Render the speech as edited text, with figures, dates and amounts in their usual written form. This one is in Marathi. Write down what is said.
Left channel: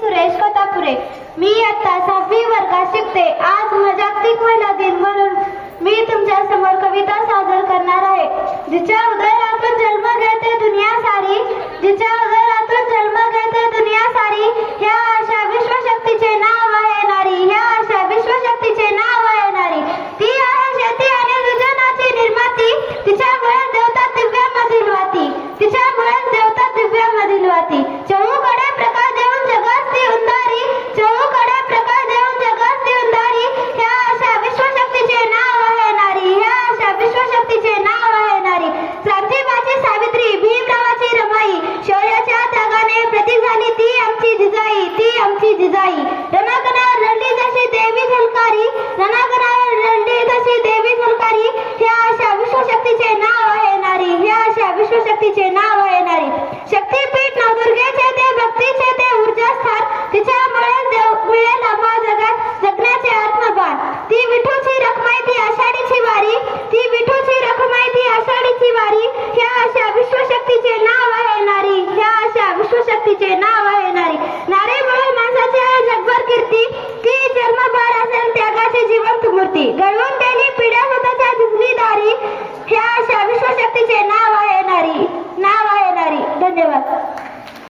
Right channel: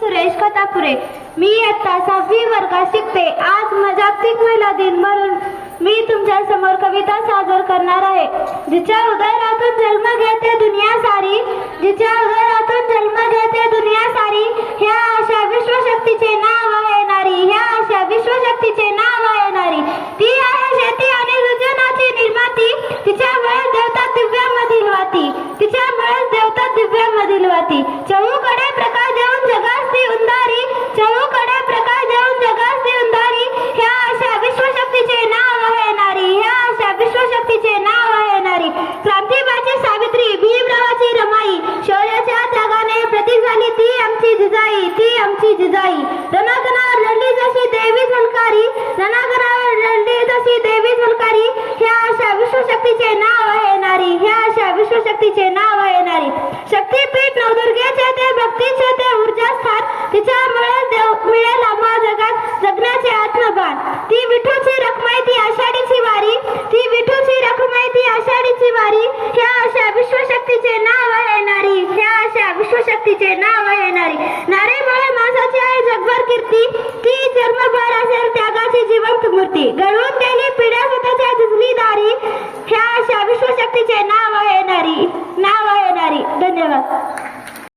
सुरेश कथापुरे. मी इयत्ता 6वी वर्गात शिकते. आज जागतिक महिला दिन म्हणून मी तुमच्या समोर कविता सादर करणार आहे. जिच्या उदरातून जन्म घेते दुनिया सारी, जिच्या उदरातून जन्म घेते दुनिया सारी, ह्या अशा विश्वशक्तीचे नाव आहे नारी, ह्या अशा विश्वशक्तीचे नाव आहे नारी. ती आहे शेती आणि सृजनाची निर्माती, तिच्यामुळे देवता दिव्यामधील वाती, तिच्यामुळे देवता दिव्यामधील वाती. चहूकडे प्रकाश देऊन जगास ती उंदारी, चहूकडे प्रकाश देऊन जगास ती उंदारी, ह्या अशा विश्वशक्तीचे नाव आहे नारी, ह्या अशा विश्वशक्तीचे नाव आहे नारी. क्रांतीबाची सावित्री, भीमरावाची रमाई, शौर्याच्या त्यागाने प्रतीक झाली ती आमची जिजाई, ती आमची जिजाई. रणांगणावर लढली जशी देवी झलकारी, रणांगणावर लढली जशी देवी झलकारी, ह्या अशा विश्वशक्तीचे नाव आहे नारी, ह्या अशा विश्वशक्तीचे नाव आहे नारी. शक्तीपीठ नवदुर्गेचे ते भक्तीचे ते ऊर्जा स्थान, तिच्यामुळे मिळेल आम्हा जगात जगण्याचे आत्मभान. ती विठूची रखमाई ती आषाढीची वारी, ती विठूची रखमाई ती आषाढीची वारी, ह्या अशा विश्वशक्तीचे नाव आहे नारी, ह्या अशा विश्वशक्तीचे नाव आहे नारी. नारीमुळे माणसाची आहे जगभर कीर्ती, ती जन्मभर असेल त्यागाची जिवंत मूर्ती. घडवून गेली